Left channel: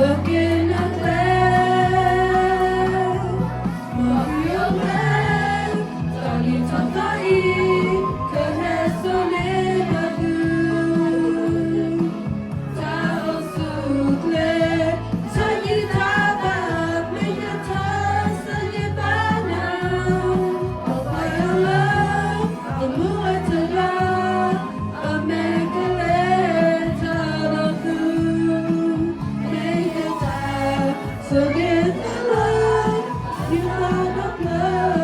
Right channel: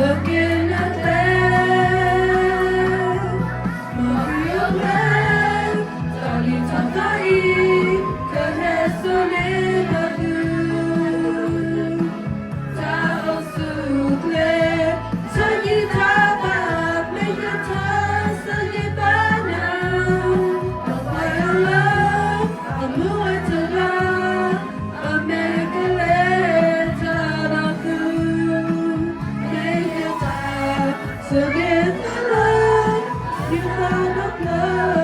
looking at that. Mario Land, Tali Tatai, Kahesole Madu, Tao Sukle, Tani Taba, Mejata Salibana, Opayala, Amuatala, Amekaleta Raku, Mejata, so get the love, you found a love.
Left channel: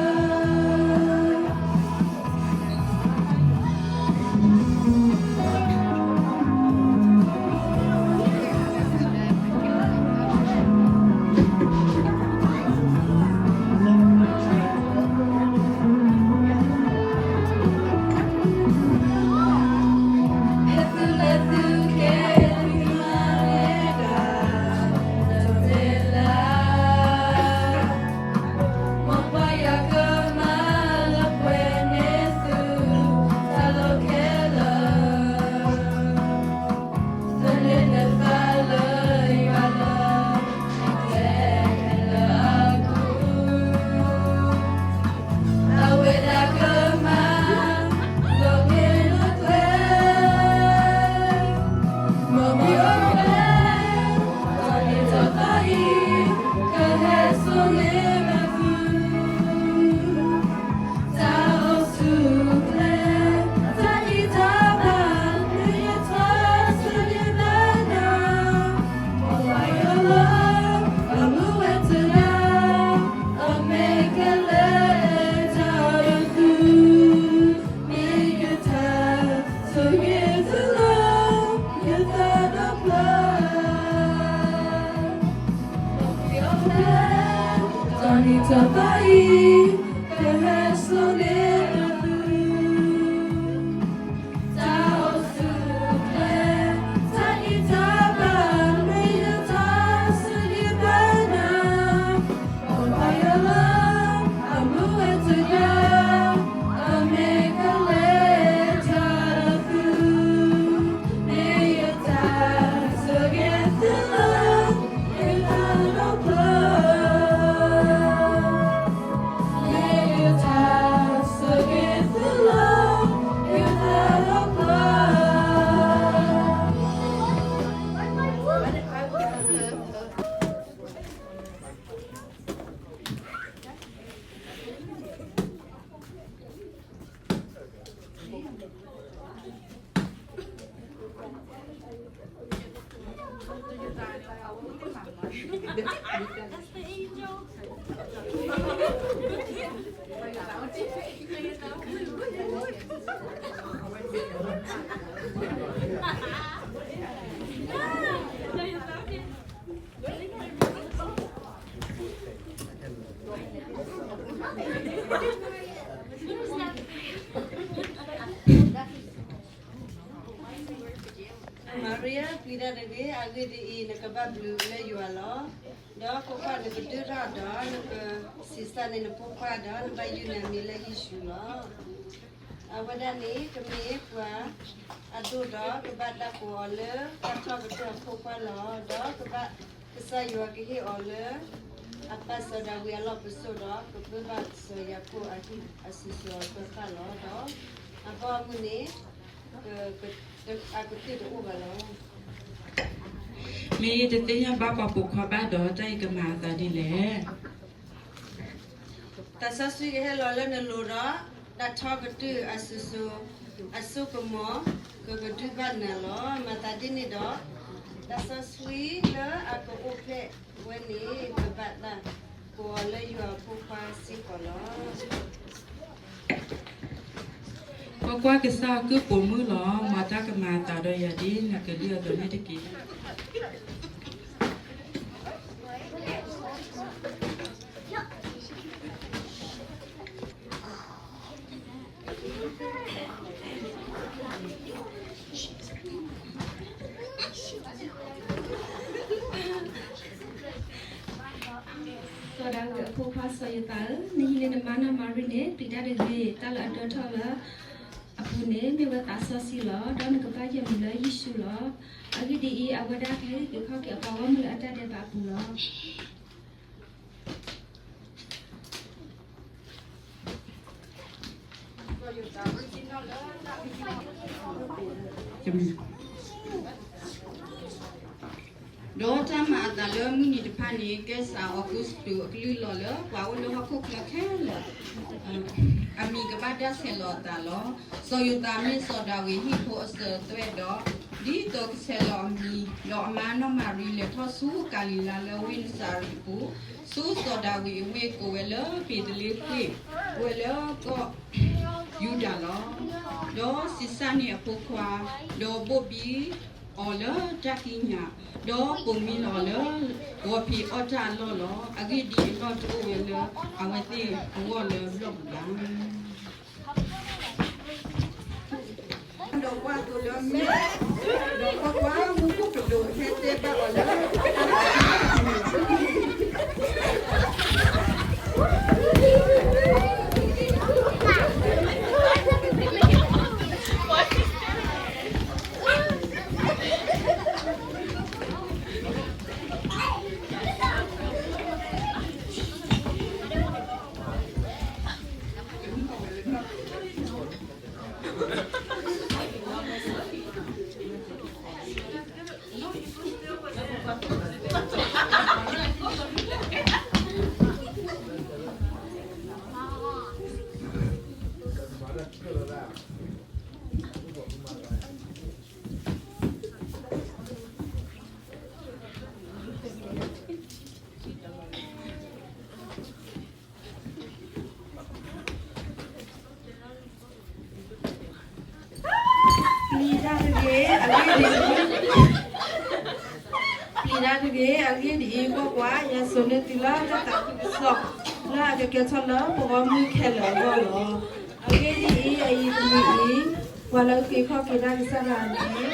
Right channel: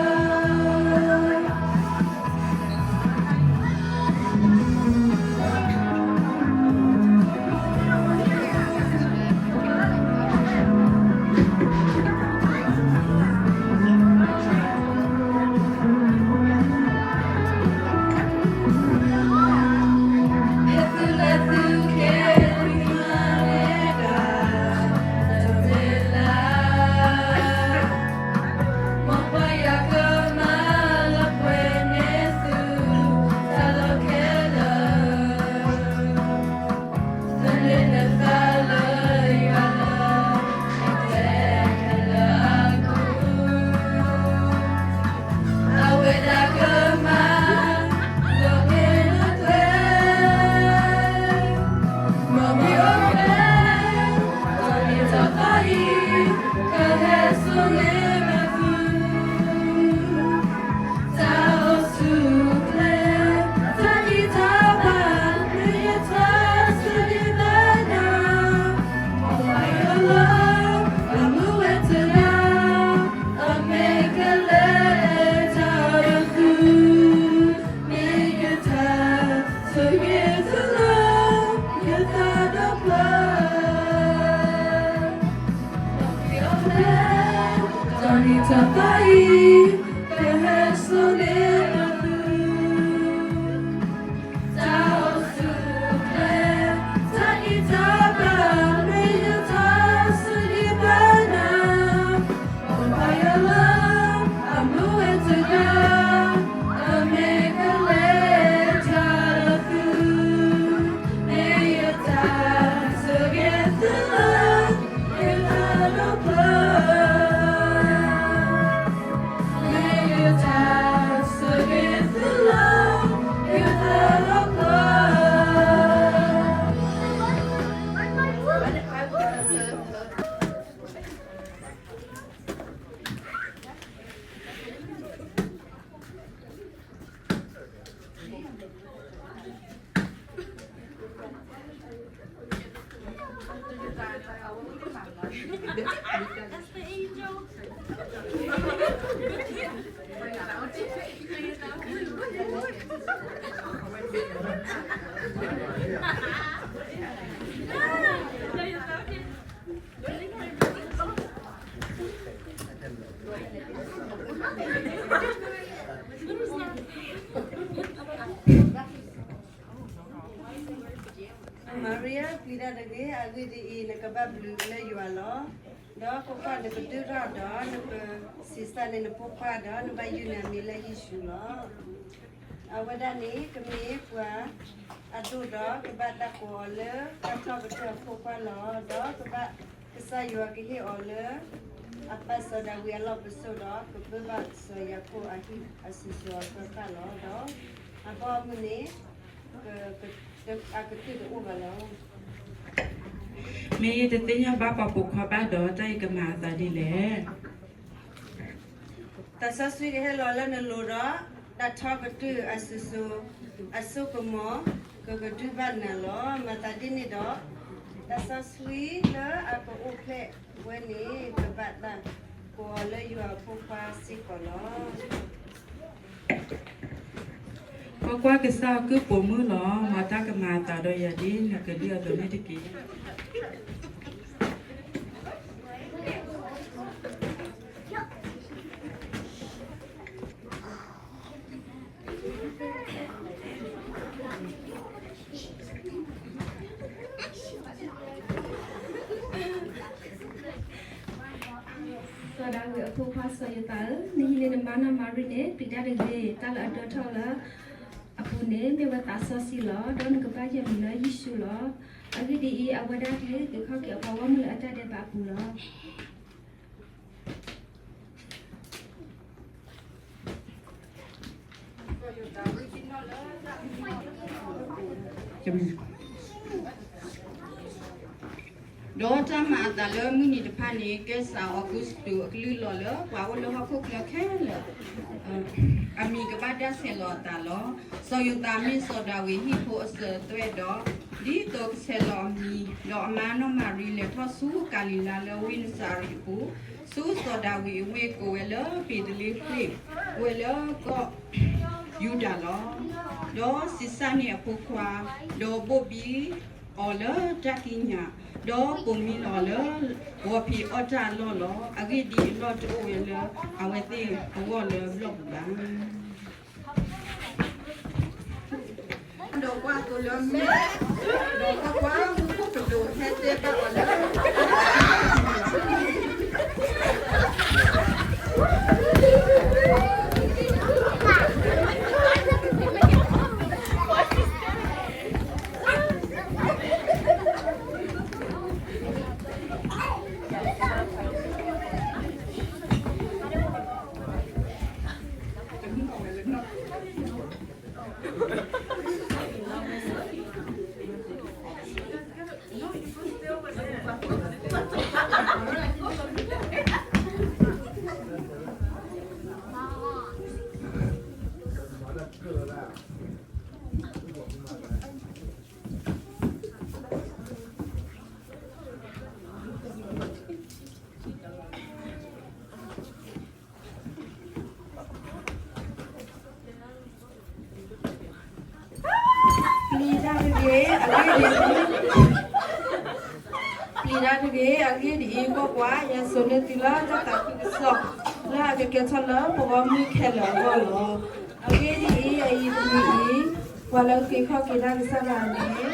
Maria, pida lagi, aku di nak kebab blue le jualo. Dah pokok nak berdua dah, nak sisa ni nak pokok dah, nak baju ni mila isu lah. Awak dah ni kami puas, adu dah kebab dah kuala, kacau betul pokok lah, dah kebab kesayuan kini oleh. Apa sudah wiala bersudah kebab saya ku akhir asiswa berkala dah. Apa ni aku tidak ubah lah. มีจะติยาบ้าปะปุกขบ้าดอใจกมาตาดีแหละ แต่สักสิ่งที่เราเล่นในลูระดัดทอกระตืออาสุสุอาสุกมอก็กระตือบ้านน่ะล้อมาตาดินี่ดอแต่สักสิ่งแล้วอาก็โอเควันนี้ก็บัดละก็เลยอยู่อาผู้ฟ้าสิก่อนล้อ เพราะว่าก็ซาคือปมือหรอมาตากมาตาดอยาดีน่ะก็เรียกตัวนี้ตะกี้ Sudah aku pas saya tahu ni mana mana marine tidak ada gay tahu ada tahu lah aku ne me wa ta so si lo do na ka ba ya mi la yisu lo agi di I awada ke ke kha ke pa wa mu la ata de ba pu lo đó cha mà ta lỡ mình đi phá này cái sao August tu cái lư lọ lỡ vào lỡ học khúc lỡ khé lỡ ami cái bát đá xe lọ ta lỡ so yêu ta mình so đào hi po sờ tôi đó đi tôi xe lọ mi lọ mà nó mà ri lệ thoa su kalila lỡ win sar pu su so đào hi we ko lỡ bị lệ quê we lỡ có yêu đã lỡ đó sisa này po qua đó bobi Ola takinya do kumi lola wopi ota lolo agi di lot owele awete awole blog bang do kwa to lo me do kwa mu ko do hete ba ola Agi di ko kwa ya sonetila ta ta so la de ke chala bo mu khela bo lo agi di ai ni wala ke kho ke da sa la ni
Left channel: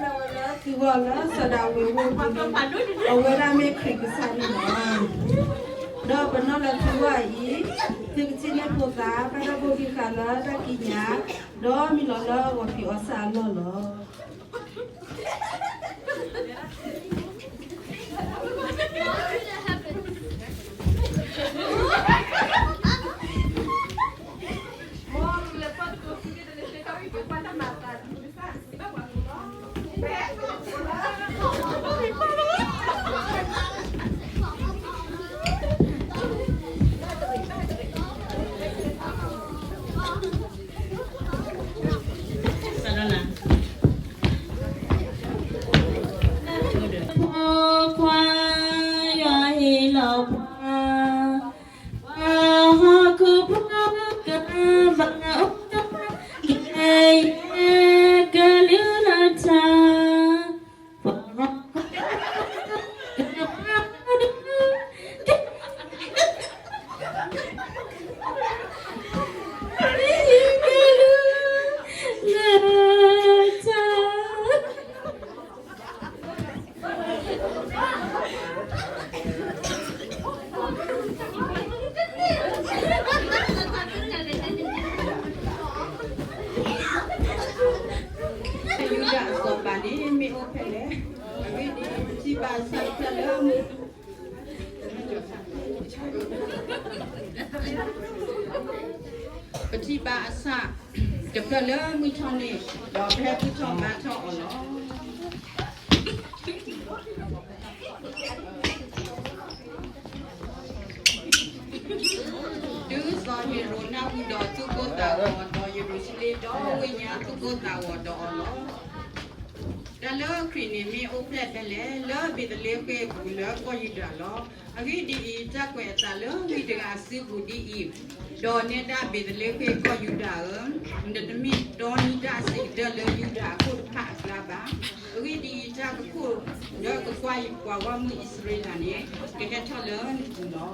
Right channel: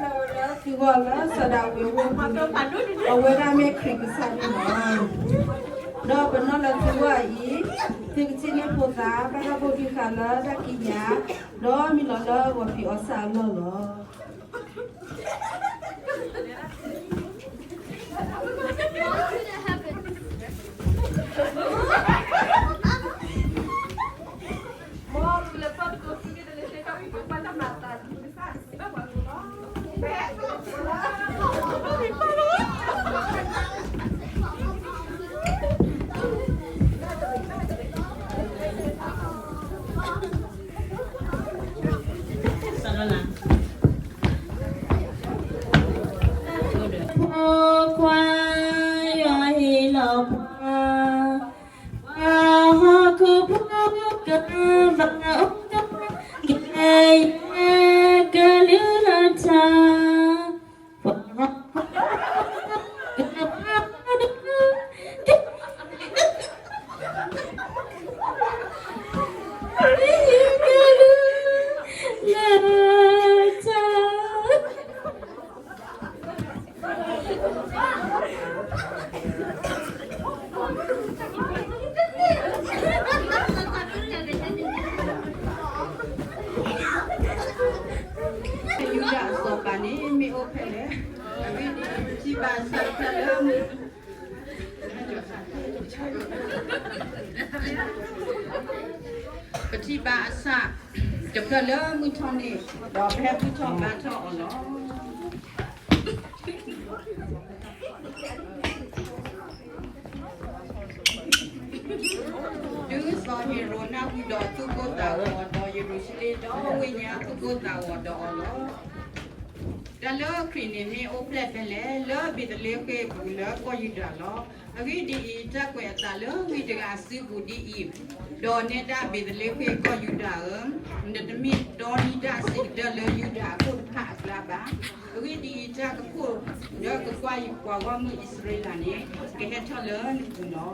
la wala ki wala sa da we wo pa to pa do awe ra me khri ke sa ni no do ba no la tu wa I ti chi ne po ta ba ra bo ki khala da ki nya do mi lo lo wa pi o sa lo lo Petit ba sa de le mu thong ni do phe mu thong ba thong lo du so hero na hu do tu ko ta wo do Jerusalem do we nya tu ko ta wo do lo da lo kri ni mi o plet pe le lo bi de le ke bu lo ko yi da lo agi di ta ko ta lo mi de ga si ku di I do ne da be de le ke ko yu da de mi do ni da si de le yu da ko ta la ba agi di ta ko ne ko kwa yi kwa wa mu Israel ni ke he tha le ni ku no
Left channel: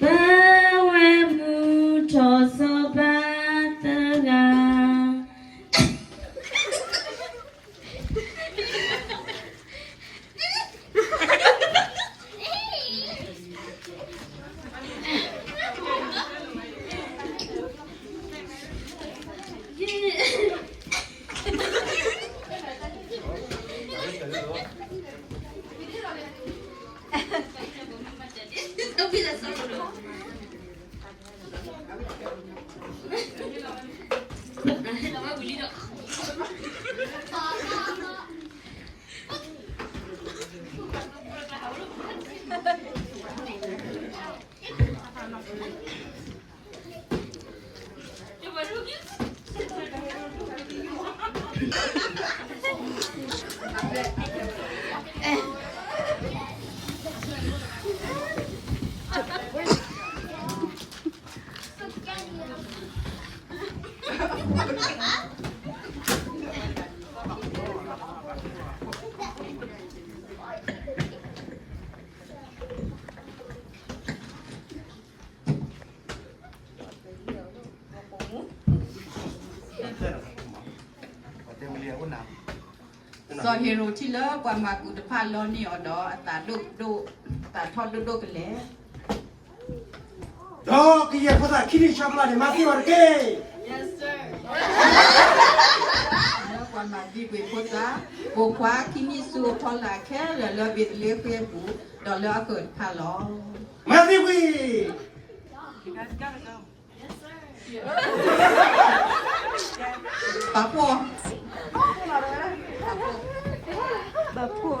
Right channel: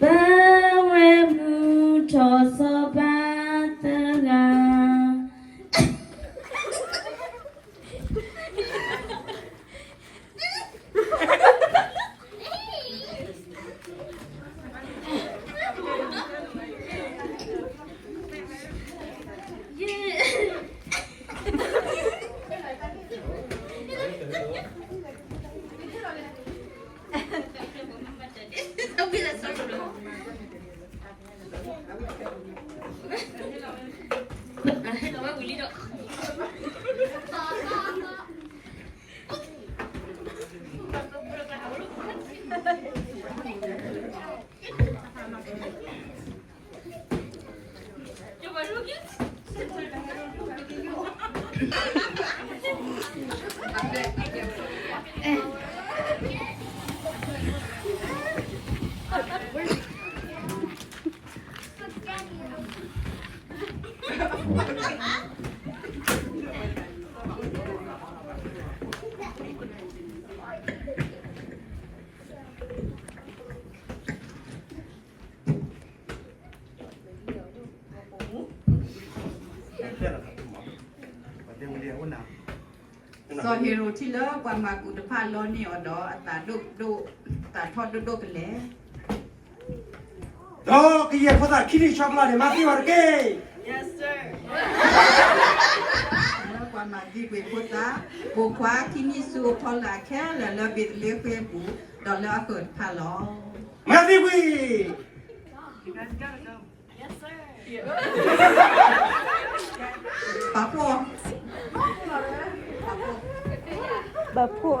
Bawe cho so ba ta ga so hero ที่เลิกว่ามากุตพานโลนี่อดอตาดุตาทอดดุกันแล้ว Dog, que put that kitty chocolate in my favorite cake. Yes sir แล้วกว่ามาวิเวพุทธะโบควาที่มีสูทอลาแค่แล้วบิดเลี้ยเฟียบูดอลแล้วเกิดพาล้อ Matthew, we. Yes sir ปะปัว bà phụ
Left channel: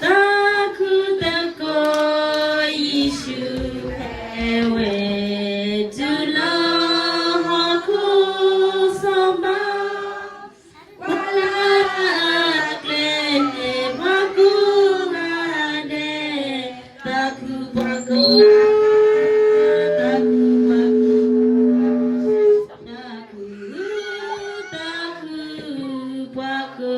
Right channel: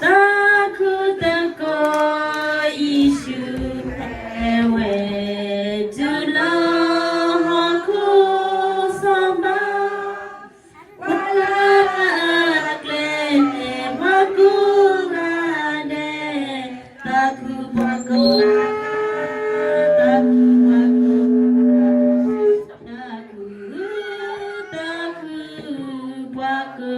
ta khu ta ko isu ewe tu lo ho khu so ba wala kle ma ku ga de ta khu ba ko ta khu ba ko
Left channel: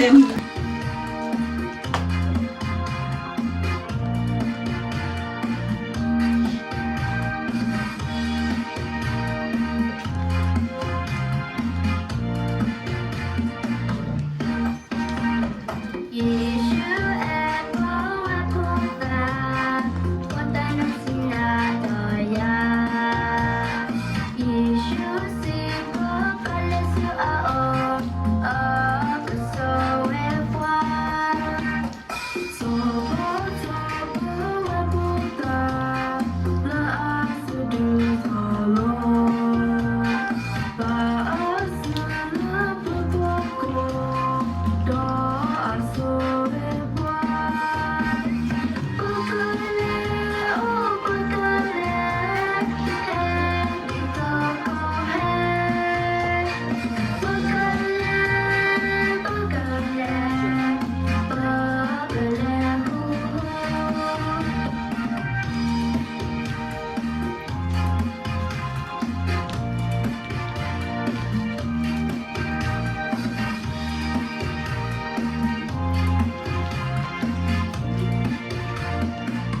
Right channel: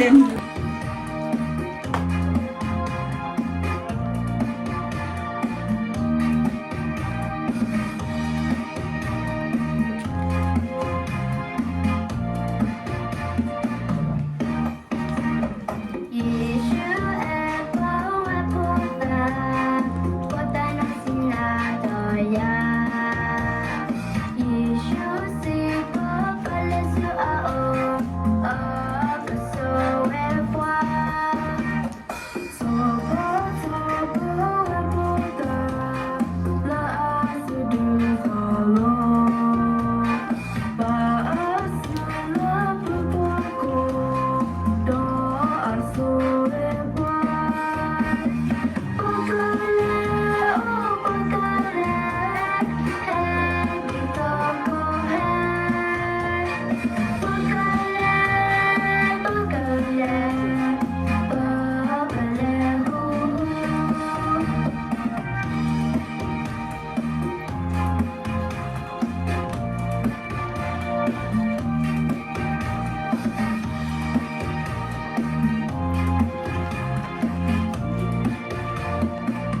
ต็ม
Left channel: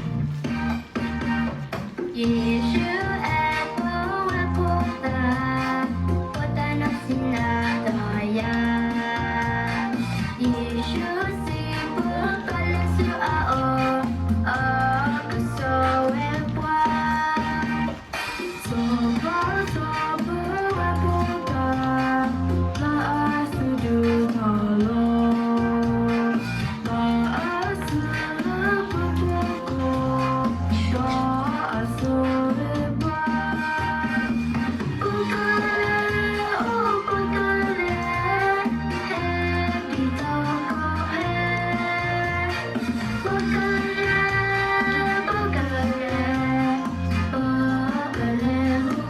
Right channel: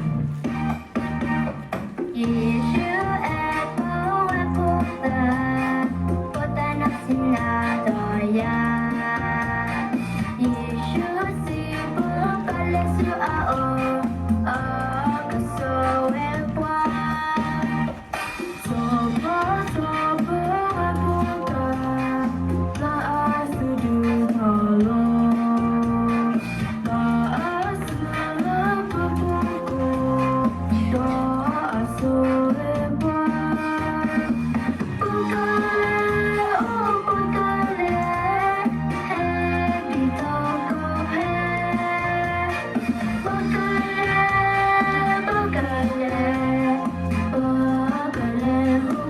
Hãy subscribe cho kênh Ghiền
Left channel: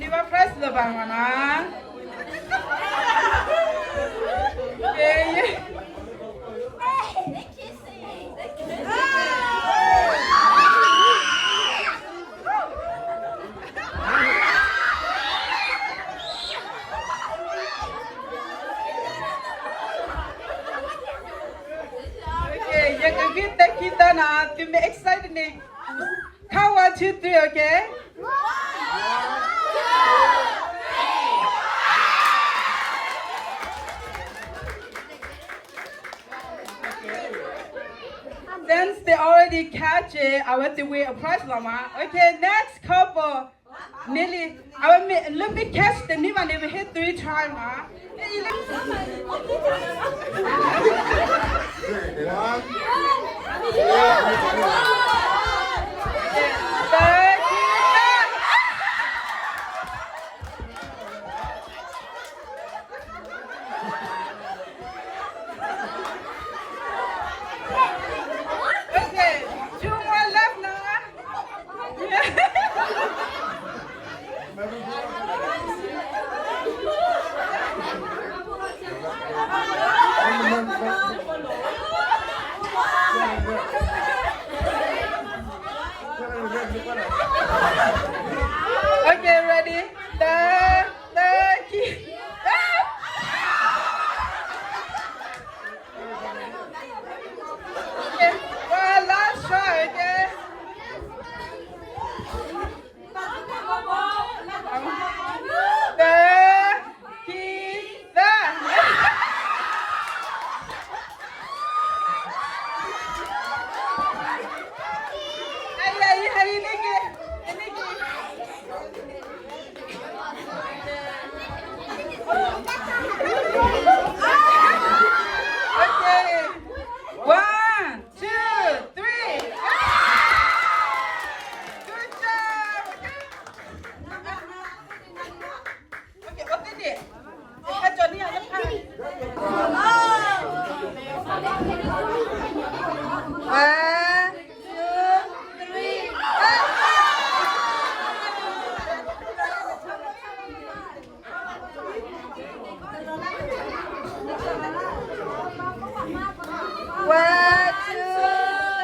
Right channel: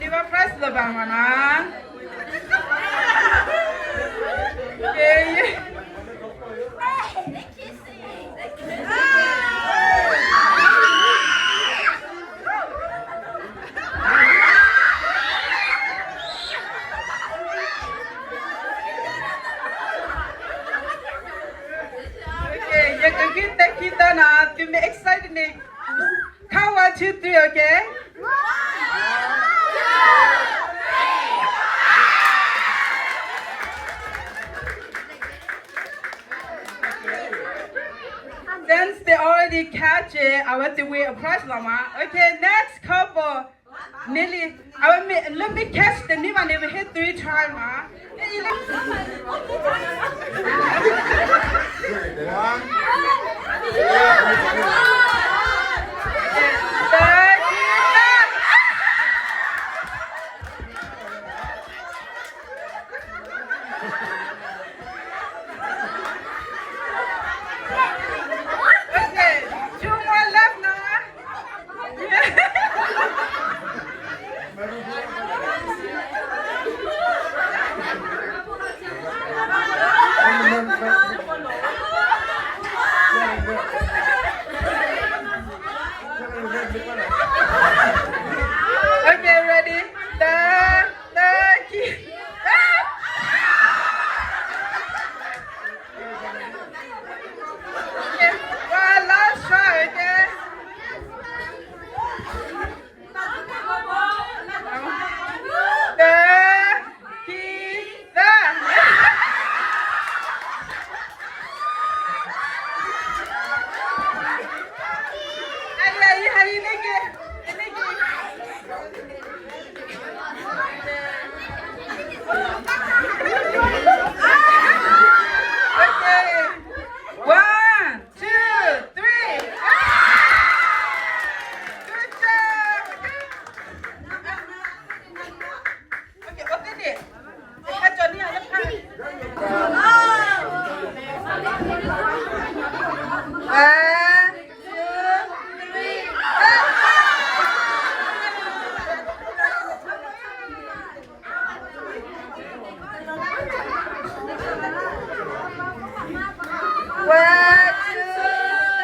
Mì Gõ để không bỏ lỡ kita na to me excited ne. Count 1, 2, 3, okay? Since they already catch it, I want to wait a prize, Mama. Okay, next couple. Nearly, let me catch the new one. They will hit 3 times, Ma. Okay, 2 more left now. Okay, ready? The key. Okay, well, last try, okay? The key. Okay. 1, 2, 3. Good job. Okay, open it. Johnny, I have time. 1, 2,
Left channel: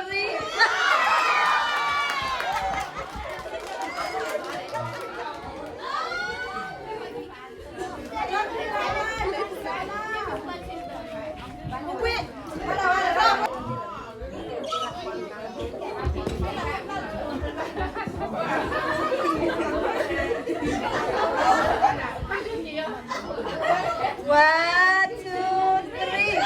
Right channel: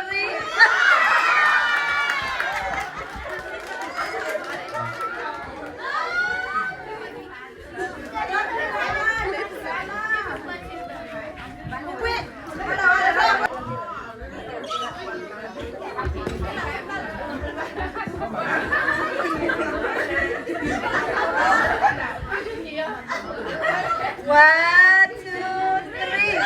3. One, two, three. One, two, three.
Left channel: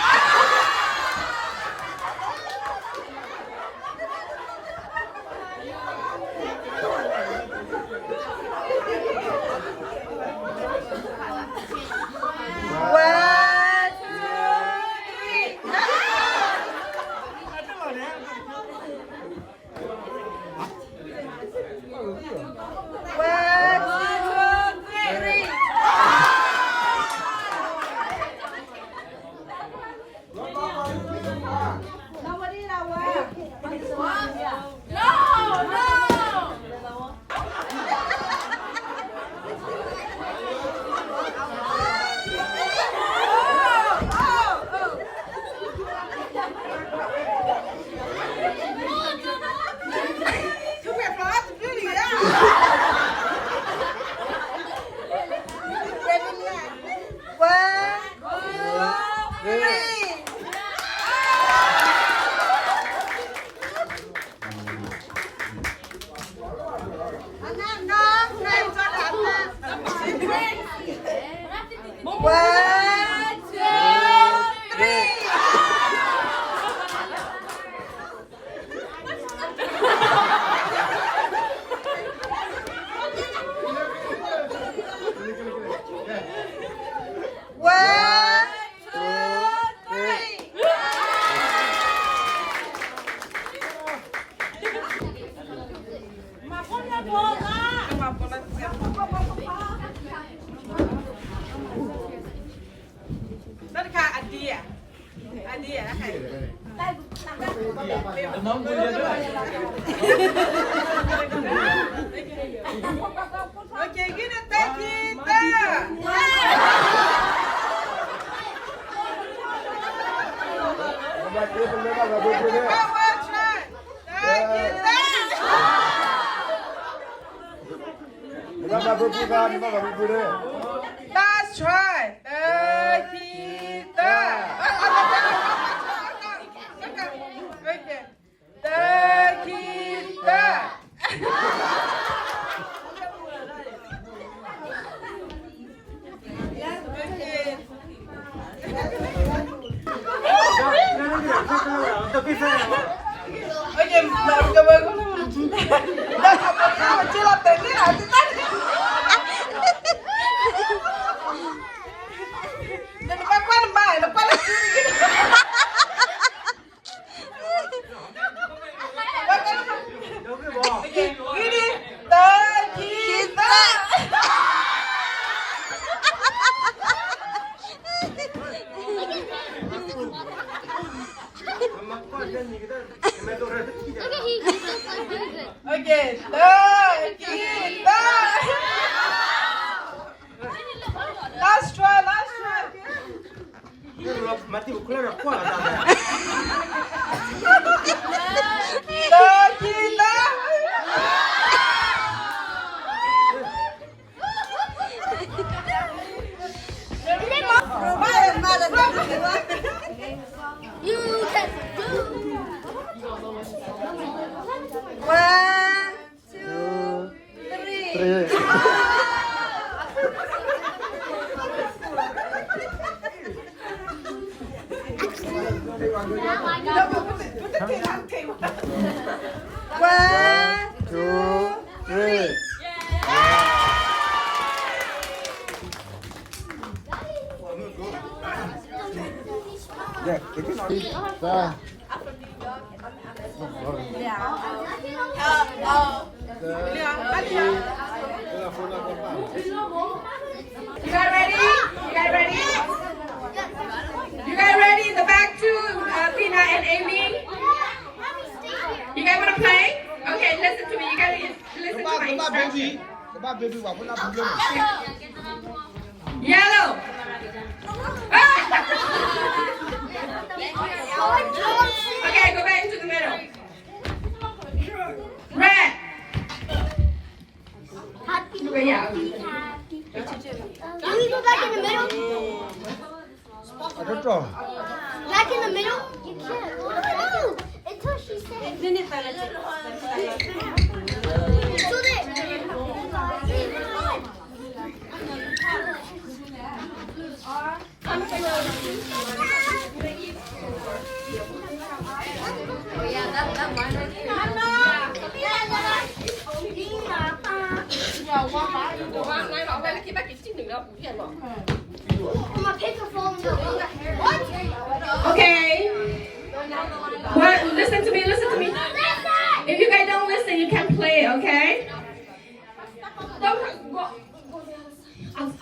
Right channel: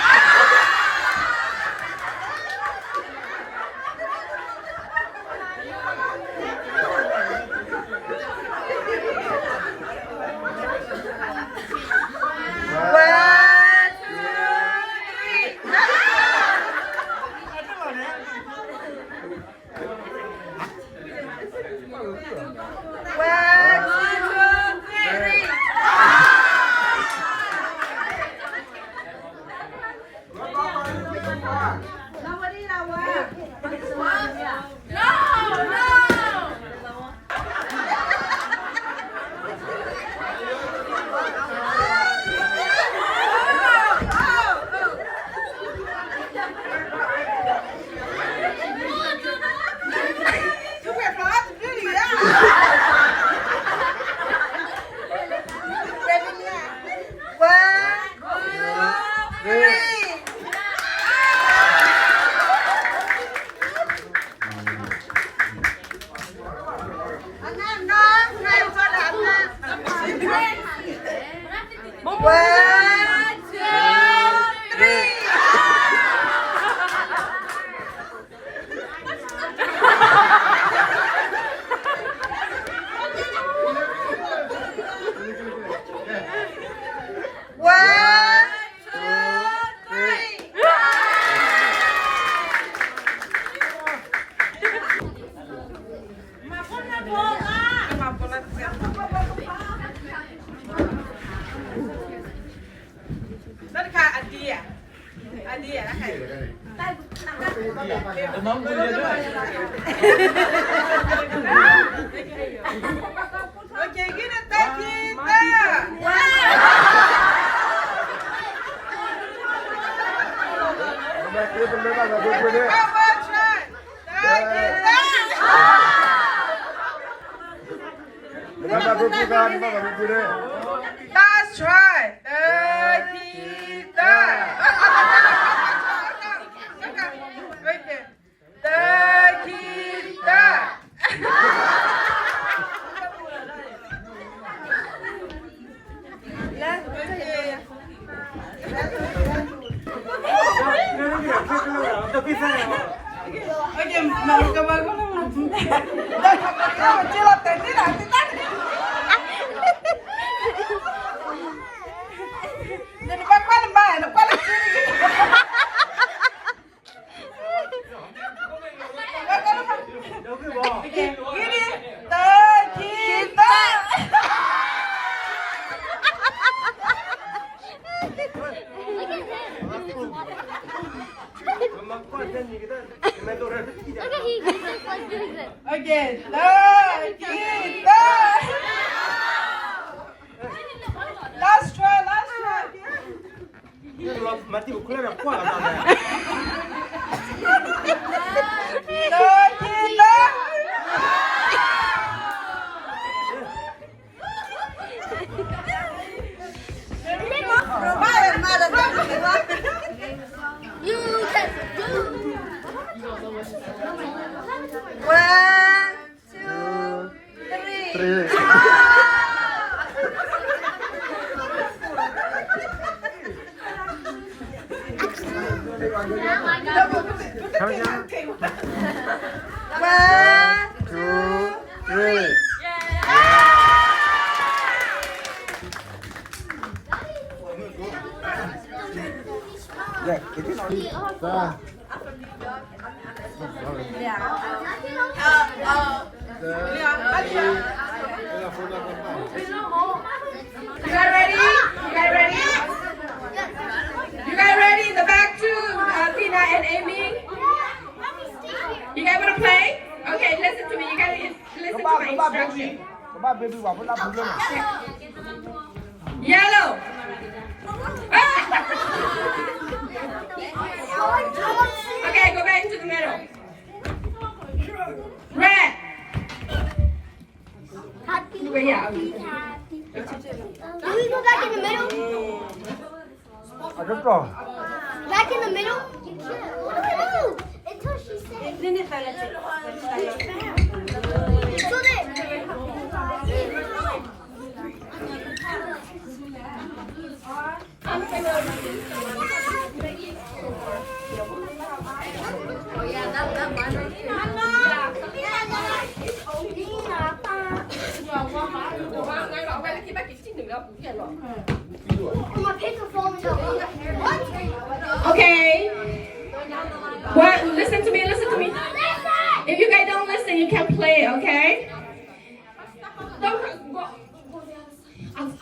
One, two, three. One, two, three. Đó là idea. Idea đó thầy. Mong tôi vậy thôi. Okay, get it back in there. One more try. Back in there. Last try. Back in there. Okay. Okay, now come on. Chill up there. Okay, last try. Mati ukula na kwa la You can do. 1, 2, 3. One, 2, 3. Ya, itu nanti. You guys ready? You guys ready? The back two, Tina and Amy. You guys want to play? Okay, listen to me. You guys listen to my instructions. Yellow. Okay, go back into the middle. Red. Yeah. Can we go back in the middle? Back in the middle? You can't. What do I do? Until she says. Go there. My paper falling over. Okay. What? Listen to me. If you guys don't listen, you can't play, okay? Don't go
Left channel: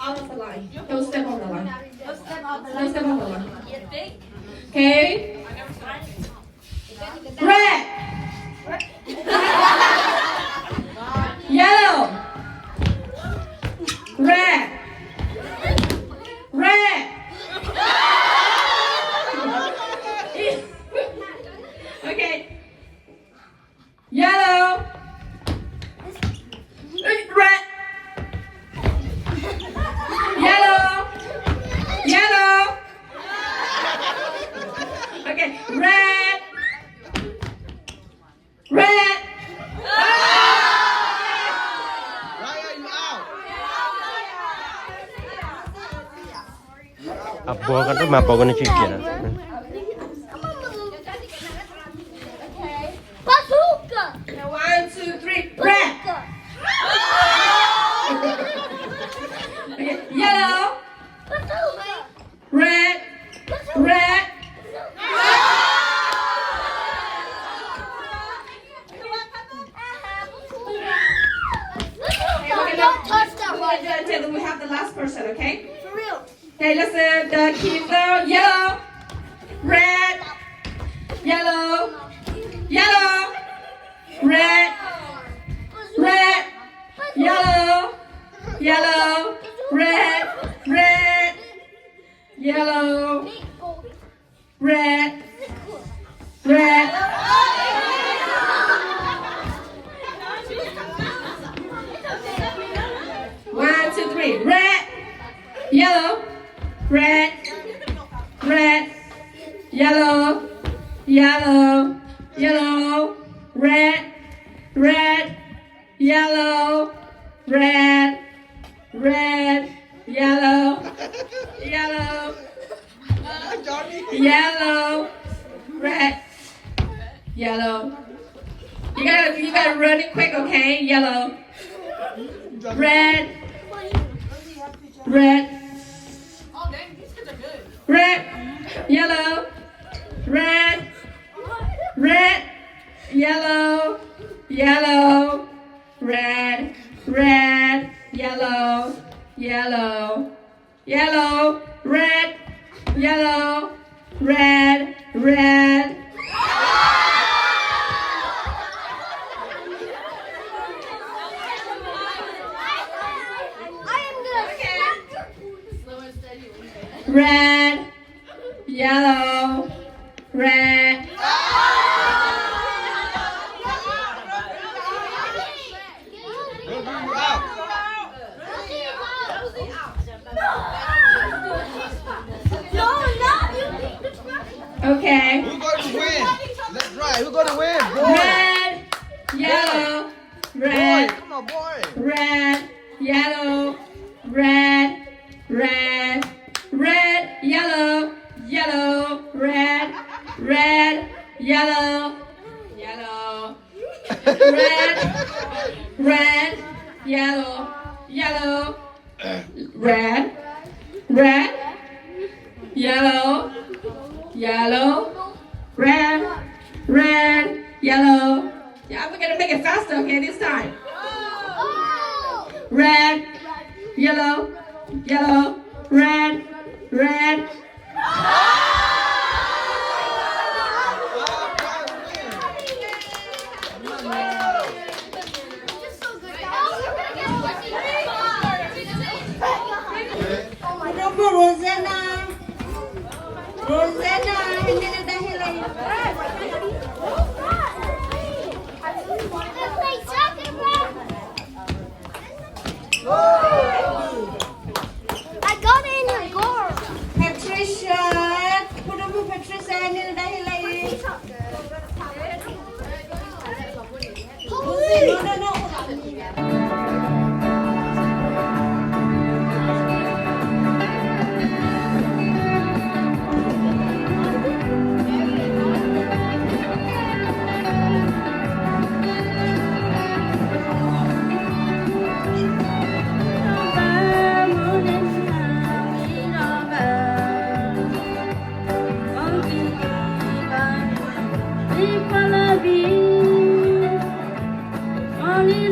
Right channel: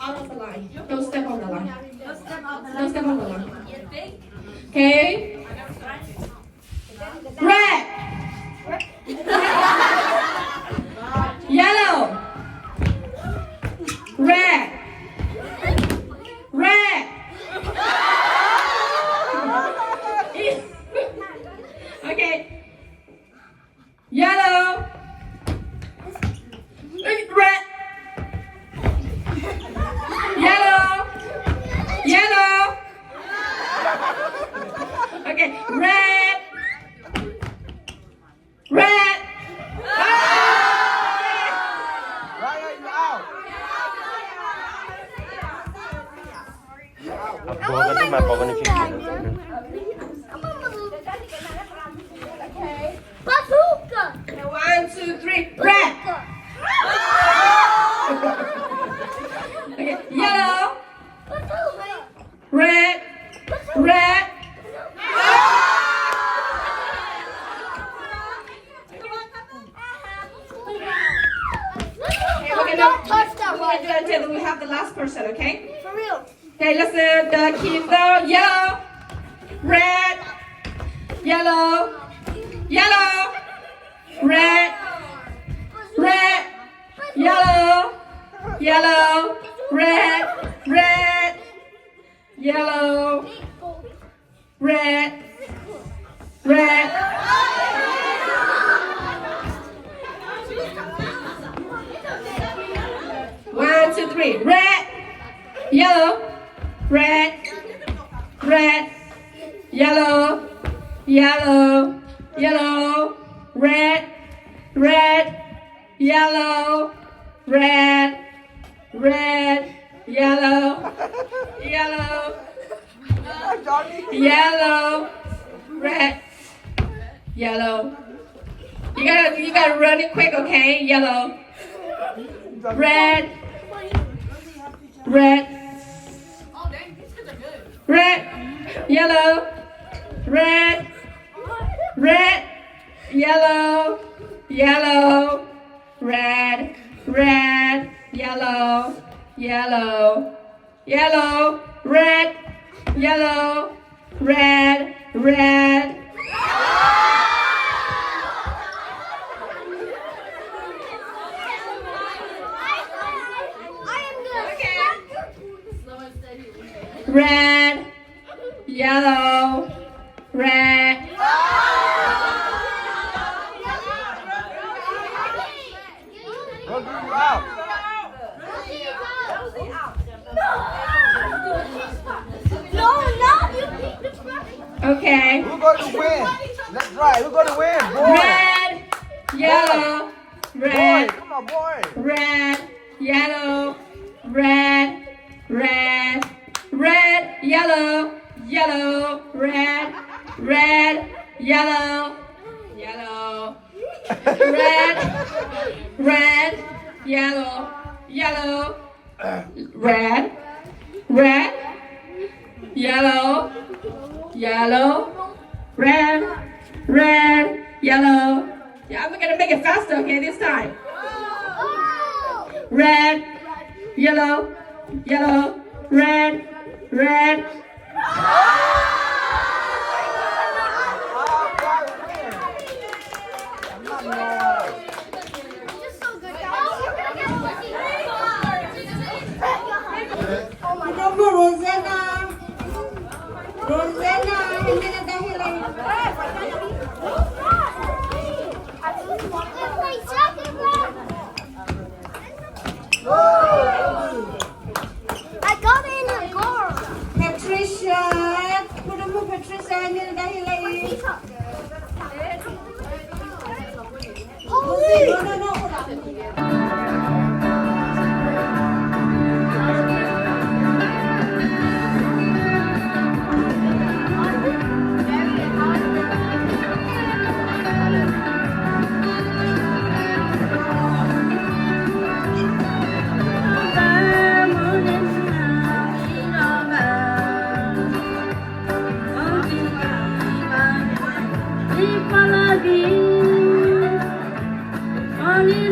out of the line. Don't step on the line. Don't step on the line. Okay? Red. Yellow. Red. Okay. Yellow. Red. Yellow. Okay. Red. Apa kan tu apa kena chicken. Bazooka. 1, 2, 3. Red. Okay. Yellow. Red. Don't touch that one. Until we have the last person, okay? For real. Okay, listen. The keys are yellow, red, yellow, red, yellow, red, yellow, red. 1, 2, 3. Red, yellow, red, yellow, red, yellow, red, yellow, yellow, red, yellow. You gotta run it quick, okay? Yellow, red, red, red, yellow, red, red, yellow, yellow, red, red, yellow, yellow, yellow, red, yellow, red, red. Red, yellow, red. Okay. Who's going to win? That's right. Who's going to win? Red, yellow, red, Come on, boy. red, yellow, red, red, red, yellow, yellow, red, red, yellow, yellow, red, red, yellow, yellow, red, red, yellow, yellow, red, red, yellow. Yeah, we're gonna make it faster, okay, this time. Red, yellow, yellow, red, red. Rosanna, hindi na dahil ay. I got it in your goal. Patricia, puro mo Patricia, hindi na dahil ay. Holy! No. Only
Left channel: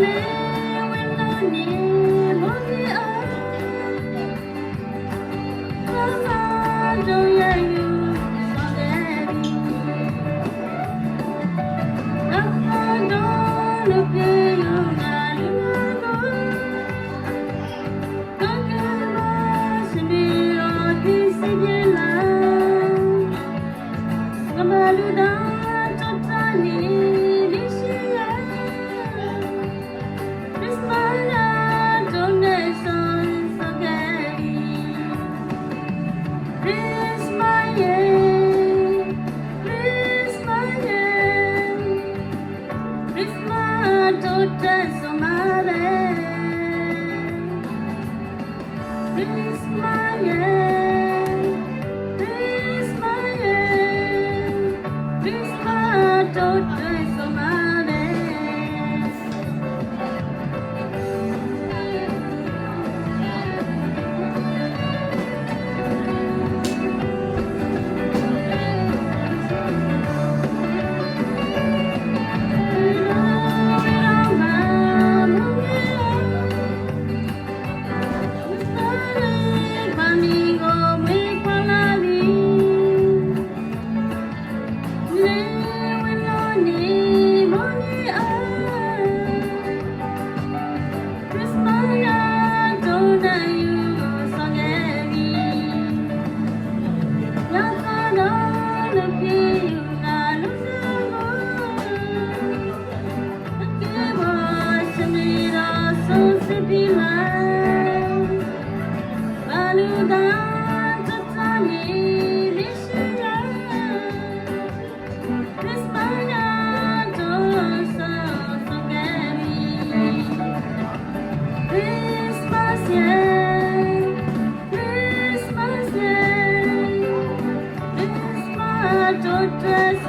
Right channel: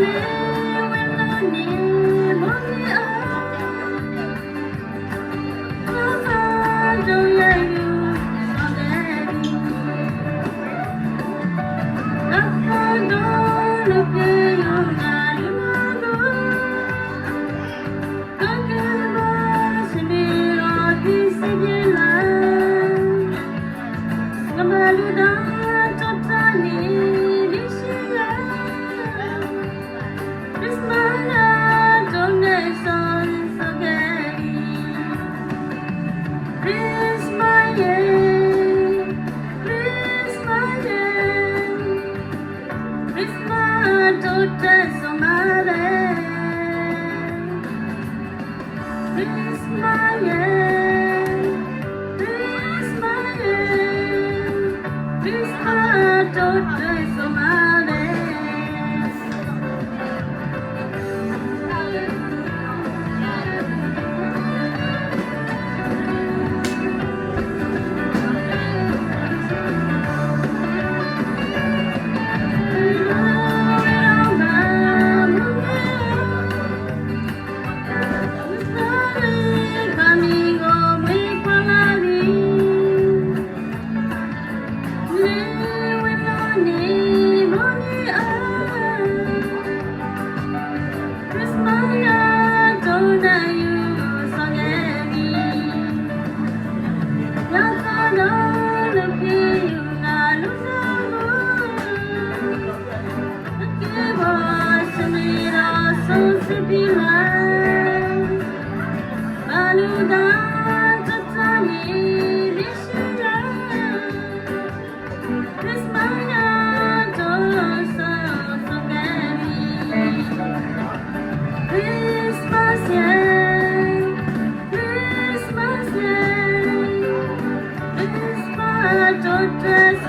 totes